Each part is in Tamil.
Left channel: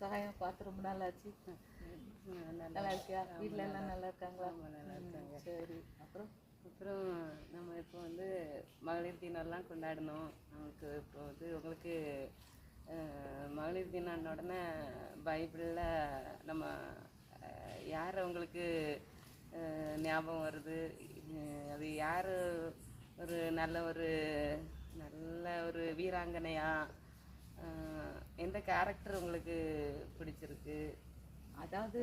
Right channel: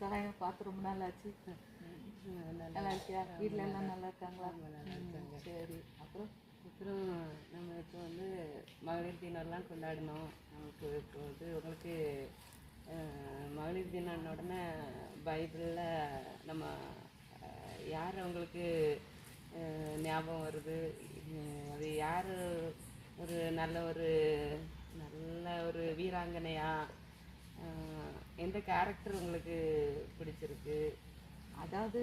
சகாயம் பார்த்து ரொம்ப நாள் ஆச்சு. நல்லா இருக்கியா? வீட்டில் எல்லாம் நல்லா இருக்காங்களா? நல்லா இருக்காங்க. சரி. அப்புறம் நம்ம இப்போ வந்து மகளிர் தினம்லாம் கொண்டாடணும். நமக்கு இப்போ வந்து உங்களுக்கு மகளிர் தினம் உடனே பைபிளில் நம்ம யார் உங்களுக்கு ஞாபகம் வருது? அது யார் ஒரு நல்ல ஒரு வீராங்கனையா? எந்த கேரக்டர் உங்களுக்கு பிடிச்சிருக்கு? அதாவது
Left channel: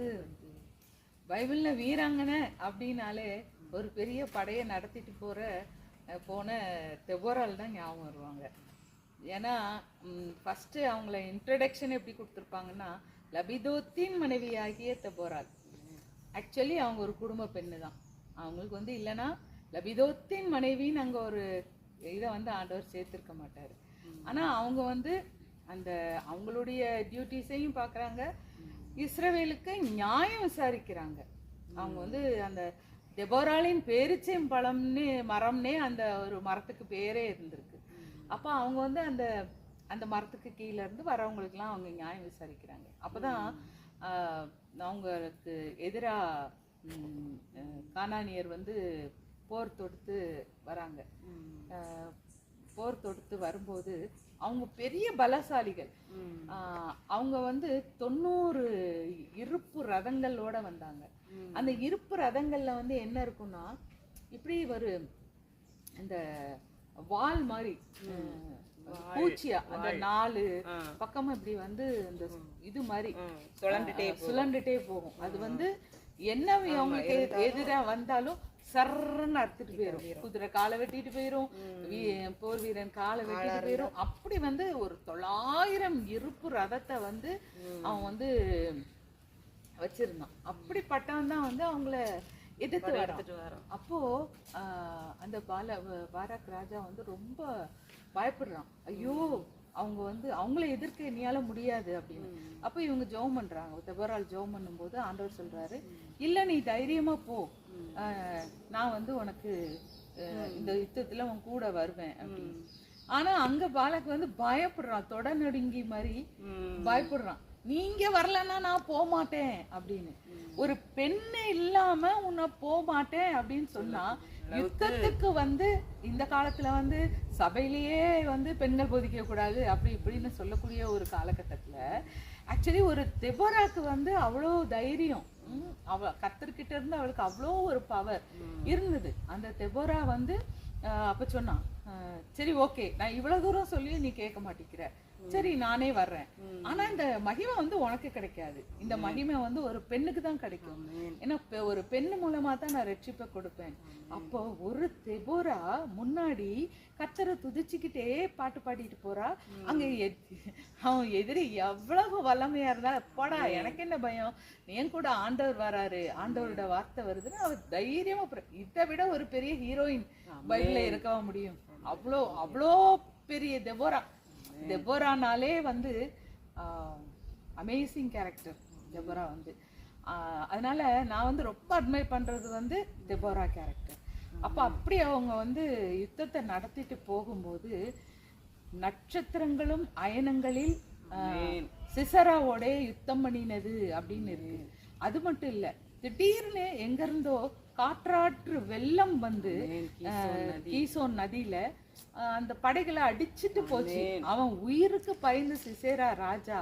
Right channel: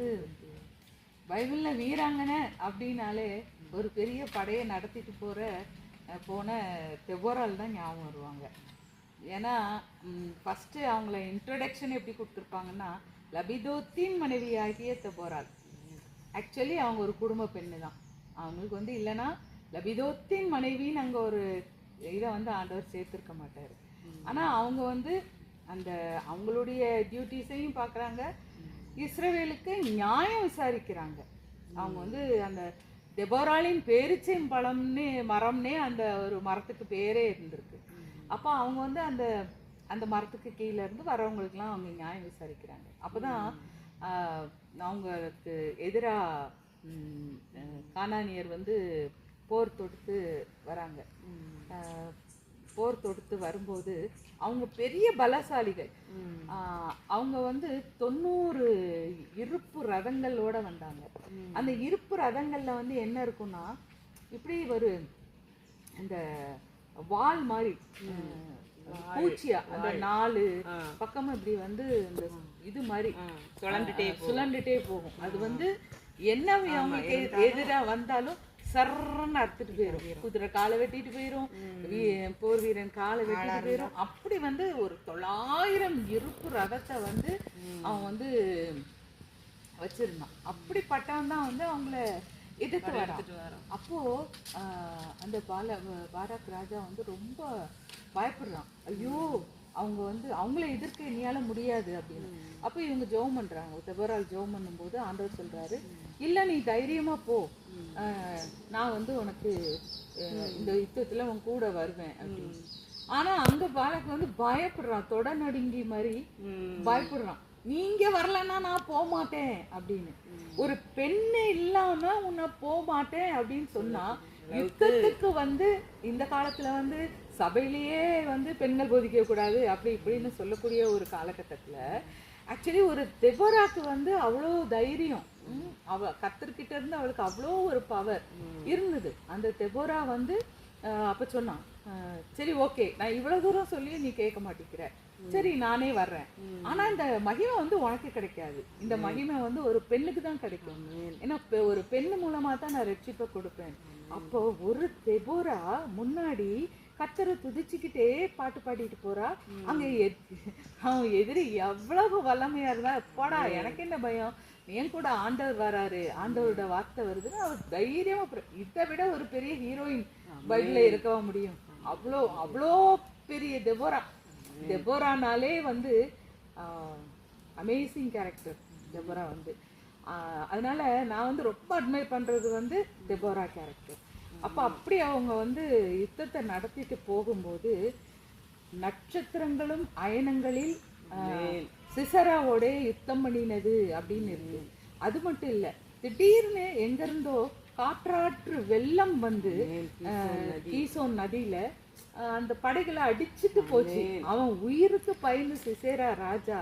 பைபிளில் வீராங்கனை அப்படின்னாலே ஒரு பெரிய படையை நடத்திட்டு போன தெபோரால் தான் ஞாபகம் வருவாங்க. ஏன்னா ஃபஸ்ட்டு அவங்கள இன்ட்ரடக்ஷன் எப்படி கொடுத்துருப்பாங்கன்னா, லபிதோத்தின் மனைவியாகிய தெபோரால். ஆக்சுவலி அவங்க ஒரு குடும்ப பெண்ணு தான். அவங்களுக்கு வந்து இல்லைன்னா லபிதோத்தின் மனைவின்னு அங்கே ஒரு இதை வந்து ஆண்டவர் சேர்த்துருக்க மாட்டார். ஆனால் அவங்க வந்து அந்த அவங்களுடைய டியூட்டிஸையும் பார்க்குறாங்க, இஸ்ரவேலுக்கு நியாயம் விசாரிக்கிறாங்க. அவங்க வந்து அந்த தெபோராலின் பேரிச்சம் மரம்னே அந்த ஒரு மரத்துக்கு பேரே இருந்திருக்கு. அப்போ அவங்க வந்து அந்த அந்த மரத்துக்கு கீழே இருந்து வரவங்களுக்குலாம் அவங்க நியாயம் விசாரிக்கிறாங்க. அப்போ தான் அவங்களுக்கு எதிராக கானானியர் வந்து போர் தொடுத்து வராங்க. போர் தொடுத்து வரும்போது அவங்க பெரிய பலசாலிகள். அவங்க வந்து 90 இருப்பு ரதங்களோட வந்தாங்க. அந்த இருப்பு ரதங்கள்ல வந்து என்ன இருக்குன்னா, இப்படி ஒரு அந்த வால் மாதிரி பூச்சியா அந்த 4 பக்கமும் இப்படி வந்து இந்த இது மாதிரி சுழண்டுட்டே போகும். அது வந்து என்ன அவங்களுக்கு எதிராக வந்தாலும் சர்ன்னு அறுத்துட்டு போயிடும். குதிரை காலை வெட்டிட்டு போயிடும், போர் வீரன் காலை வெட்டிட்டு போயிடும். அப்படி வந்து ஒரு 900 இருப்பு ரதத்தை வந்து அவன் வந்து வச்சிருந்தான். அப்படிப்பட்டவன் தான் வந்து அவங்கள எதிர்த்து வரான். அப்போ அந்த பாராக் ராஜா வந்து ரொம்ப பயப்படுறான். ஐயோ, அவங்க வந்து அவங்கள எதிர்க்க இனியால முடியாது அப்படின்னு. அப்போ இவங்க ஜெபம் பண்றாங்க. தெபோரால் ஜெபம் பண்ணும்போது ஆண்டவர் சொல்றாரு, இல்ல நீ தைரியமா போ, நான் வந்து உனக்கு இந்த யுத்தத்துல உன் கூட வருவேன் அப்படின்னு. ஆனா அங்க பாலக்கு வந்து பயப்படுறான், தொட நடுங்கி மாதிரி பயப்படுறான். நீங்க வரலன்னா நான் போக மாட்டேன் அப்படின்னு. ஒரு பெண்ணு இல்லாம உன்னை போக மாட்டேன் அப்படின்னு சொன்னா, யுத்தத்துக்கு வந்து இந்த காலத்துல வந்து சபையிலேயே வந்து பெண்கள் போதிக்க கூடாது அப்படி இப்படின்னு சொல்லக்கூடிய ஒரு காலகட்டத்துல ஆக்சுவலி ஒரு தெபோராக்கு வந்து அவ்வளோ தைரியம், கர்த்தர்கிட்ட இருந்து அவளுக்கு அவ்வளோ ஒரு பவர் இருந்தது. அந்த தெபோரா வந்து அப்ப சொன்னான், சரி ஓகே, நான் இவ்வளவு தூரம் சொல்லி நீ கேட்க மாட்டேங்கிற, சரி நானே வர்றேன். ஆனா இந்த மகிமை வந்து உனக்கு கிடைக்காது, இந்த மகிமை வந்து ஒரு பெண்ணுக்கு தான் கிடைக்கும். ஏன்னா ஒரு பெண்ணு மூலமா தான் நான் ரட்சிப்பை கொடுப்பேன். அப்போ ஒரு தெபோரா முன்னாடி கர்த்தரை துதிச்சுக்கிட்டே பாட்டு பாடிட்டு போறா. அங்க அவன் எதிரி எவ்வளவு வல்லமையா இருந்தா, போடா எனக்கு என்ன பயம், என் கூட ஆண்டவர் வராரு, ஆண்டவரோட வார்த்தை வருதுன்னு அவர் தைரியமா. இதை விட ஒரு பெரிய ஹீரோயின் பைபிள்ல இருக்கவா முடியும்? அவ்வளோ பெரிய தெபோரானாலே வந்து அமேசிங் கேரக்டர் தெபோரா வந்து. அதனால நான் வந்து ரொம்ப அட்மைர் பண்றது வந்து தெபோரா கேரக்டர். அப்போ அப்படி அவங்க வந்து யுத்தத்தை நடத்திட்டு போகும்போது நட்சத்திரங்களும் அயனங்களில் சிசராவோட யுத்தம் பண்ணினது அப்படின்னு இருக்கு. அது மட்டும் இல்ல, திடீர்னு எங்க இருந்தோ காற்றாற்று வெள்ளம் வந்து கீசோன் நதியில அந்த படைகளை அடிச்சுட்டு போச்சு. அவன் உயிருக்கு பயந்து சிசேரா ராஜா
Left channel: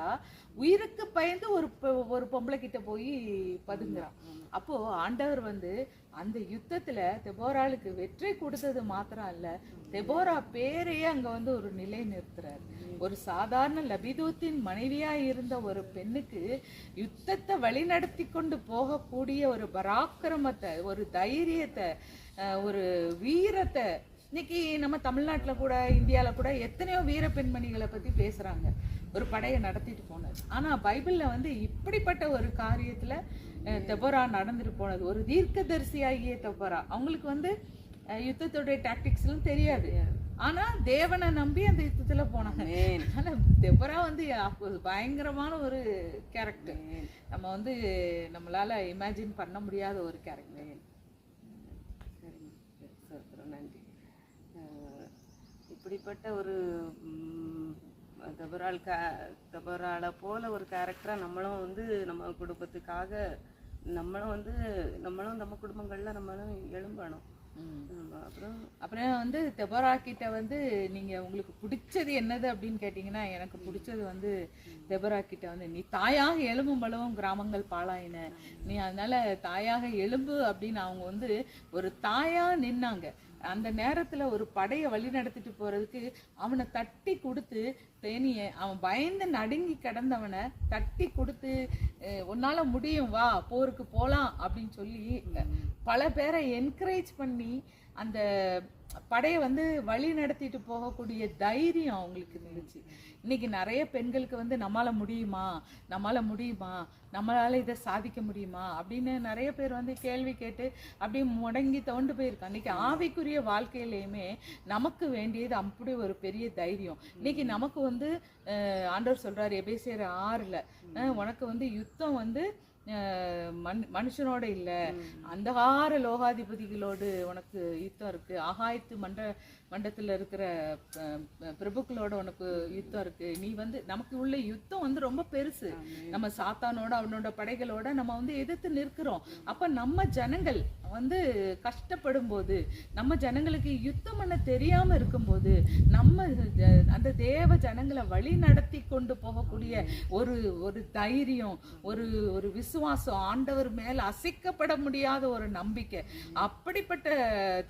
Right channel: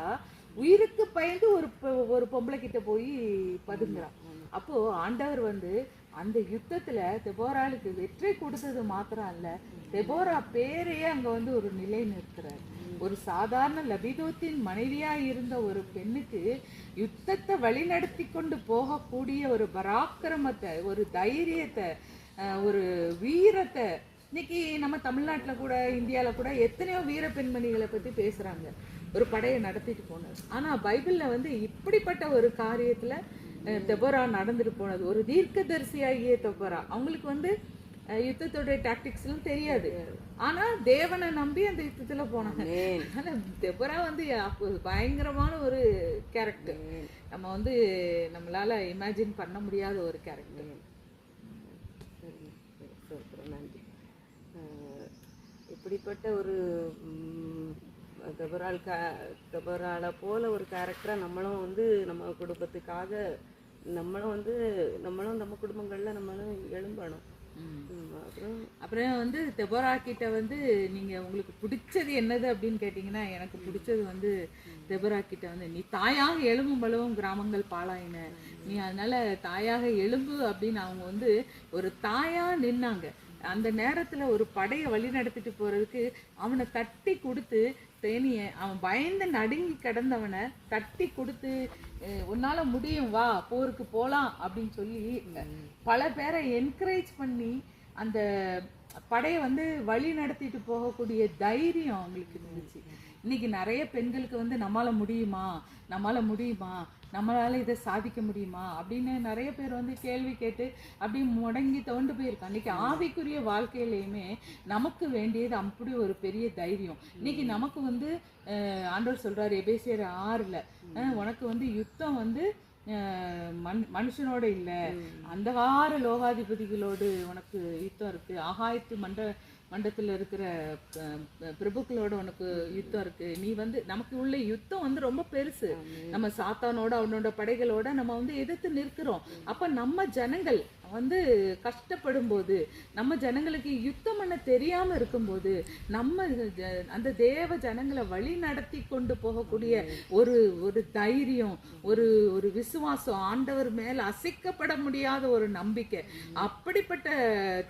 உயிருக்கு பயந்து ஒரு பொம்பளை கிட்ட போய் பதுங்குறான். அப்போ ஆண்டவர் வந்து அந்த யுத்தத்துல தெபோராளுக்கு வெற்றி கொடுத்தது மாத்திரம் அல்ல, தெபோரா பேரையே அங்க வந்து ஒரு நிலை நிறுத்துறாரு. ஒரு சாதாரண லபிதோத்தின் மனைவியா இருந்த ஒரு பெண்ணுக்கு யுத்தத்தை வழிநடத்தி கொண்டு போகக்கூடிய ஒரு பராக்கிரமத்தை, ஒரு தைரியத்தை, ஒரு வீரத்தை. இன்னைக்கு நம்ம தமிழ்நாட்டுல கூட இந்தியால கூட எத்தனையோ வீர பெண்மணிகளை பத்தி பேசுறாங்க, ஒரு படையை நடத்திட்டு போனது. ஆனா பைபிள்ல வந்து இப்படிப்பட்ட ஒரு காரியத்துல தெபோரா நடந்துட்டு போனது. ஒரு தீர்க்கதரிசியாகிய தெபோரா, அவங்களுக்கு வந்து யுத்தத்தோடைய டாக்டிக்ஸ்லாம் தெரியாது, ஆனா தேவனை நம்பி அந்த யுத்தத்துல போனாங்க. ஆனா தெபோரா வந்து பயங்கரமான ஒரு கேரக்டர், நம்ம வந்து நம்மளால இமேஜின் பண்ண முடியாத ஒரு கேரக்டர். நன்றி. இப்படிப்பட்ட ஒரு தெபொராளை போல ஒரு கேரக்டராக நம்மளும் வந்து நம்ம குடும்பத்துக்காக நம்மளும் நம்ம குடும்பங்களில் நம்மளும் எழும்பணும். அப்புறம் வந்து தெபொரா கிட்ட வந்து நீங்க உங்களுக்கு பிடிச்சது என்னது அப்படின்னு கேட்டீங்கன்னா, எனக்கு பிடிச்சது வந்து தெபொரா கிட்ட வந்து, நீ தாயாக எழும்பும் பலவும் கிராமங்கள் பாழாயின, நீ அதனால தாயாக எழும்பு அப்படின்னு அவங்க வந்து ஒரு தாயா நின்னாங்க. அந்த நேரத்துல ஒரு படையை வழி நடத்திட்டு போறதுக்கு அவனை தட்டி கொடுத்து, தேனிய அவன் பயந்து நடுங்கி கிடந்தவனை தட்டி கொடுத்து, உன்னால முடியும் வா போருக்கு போலாம் அப்படின்னு சொல்லி பல பேரை என்கரேஜ் பண்ணி அந்த படையை வந்து வழி நடத்திட்டு போகக்கூடிய தைரியம் அவங்களுக்கு இருந்துச்சு. இன்னைக்கு நிறைய பெண்களுக்கு வந்து நம்மளால முடியுமா, நம்மளால இதை சாதிக்க முடியுமா அப்படின்னு நிறைய பேர் வந்து கேள்வி கேட்டு அப்படியே முடங்கி தோண்டு போயிருக்காங்க. இன்னைக்கு ஆவிக்குரிய வாழ்க்கையிலையுமே நமக்கு வேண்டியது அப்படி ஒரு பெரிய தைரியம். இன்னைக்கு நமக்கு வந்து ஆண்டவர் சொல்றாரு எபேசியர் 6ல், உனக்கு வந்து யுத்தம் வந்து மனுஷனோட இல்ல, அந்தகார லோகாதிபதிகளோடு உனக்கு யுத்தம் இருக்கு, ஆகாயத்து மண்டத்துல இருக்கிற பிரபுக்களோட உனக்கு யுத்தம் இருக்கு. நீ வந்து நமக்கு உள்ள யுத்தம் வந்து ரொம்ப பெருசு. நம்ம சாத்தானோட அவனோட படைகளோட நம்ம வந்து எதிர்த்து நிற்கிறோம். அப்ப நம்ம ஜனங்கள் வந்து கஷ்டப்படும் போது, நம்ம ஜனங்களுக்கு யுத்தம் பண்ண தெரியாம இருக்கும்போது, நம்ம அந்த தேவ ஜனங்களை வழி நடத்தி கொண்டு போகக்கூடிய ஒரு தைரியம், ஒரு விசுவாசம், ஆண்டவர் மேல அசைக்கப்பட முடியாத ஒரு நம்பிக்கை, அப்படிப்பட்ட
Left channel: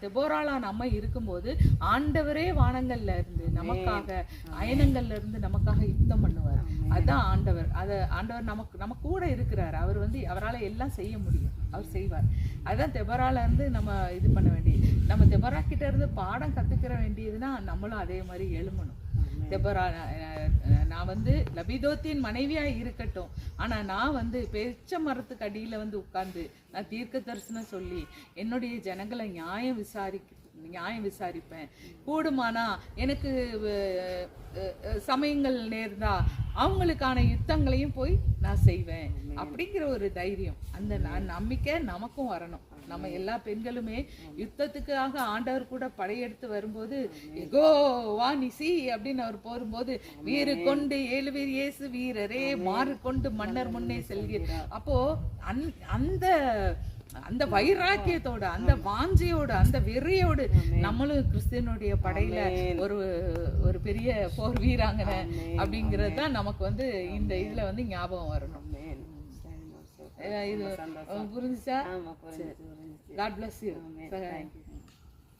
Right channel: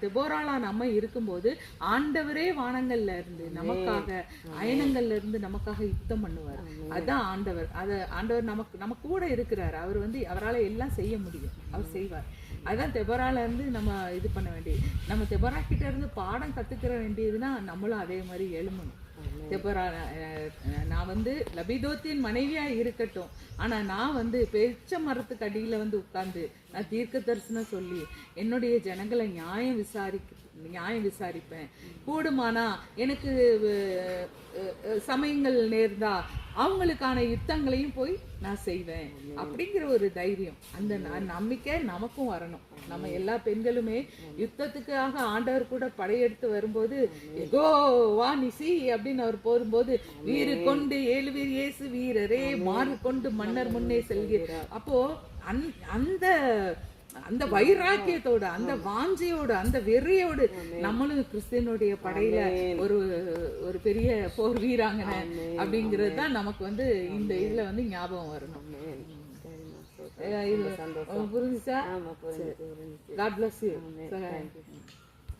தெபொராளா நம்ம இருக்கும்போது ஆண்டவரே வானங்கள்ல இருந்து நமக்காக, அயனங்கள்ல இருந்து நமக்காக யுத்தம் பண்ணுவார். அதுதான் ஆண்டவர். ஆண்டவர் நம்ம கூட இருக்கிறார். அவர் வந்து அவரால் எல்லாம் செய்ய முடியும், அவர் செய்வார். அதுதான் தெபொரால இருந்து நம்ம இது பண்ண வேண்டியது. நம்ம தெபொரா கிட்ட இருந்து பாடம் கத்துக்கிற வேண்டியதுன்னா நம்மளும் அதே மாதிரி எழுமணும். தெபொரா, நான் வந்து லபிதோத்தின் மனைவியா இருக்கட்டும், ஆனா நான் வந்து பேச்ச மரத்துக்கு அடியில வந்து உட்கார்ந்து நான் தீர்க்க தரிசனம் சொல்லி என்னுடைய ஜனங்களை நியாயம் விசாரிப்பேன். கூடுமானா எனக்கு சமயங்கள் நேர்ந்தா அவங்களுக்கான யுத்தங்களையும் போய் நான் செய்வேன் அப்படிங்கிற ஒரு தைரியம், அந்த நம்பிக்கை நமக்கும் வரணும். நம்ம எல்லா பெண்களுமே யுத்தத்துக்காக ஆண்டவர் கூட படையெடுத்து வரும்போது, எகோ வா நிசி அப்படின்னு அவர் போகும்போது, வீறு கொண்டு 7 வீர் இயேசு வீரரே மாறு கொண்டு மன்னர் முன்னே செல்கிறார். அப்போ அந்த வைராக்கியத்தோட, அந்த வாஞ்சையோட, அந்த வெறியோடு நம்மளும் கிறிஸ்துவனுடைய படையில ஒரு பெரிய போர் வீராங்கனை அப்படிங்கிறது தான் நமக்கு வந்து இந்த இதுல வந்து ஞாபகம் வரணும். இது புரிஞ்சுச்சா? God bless you.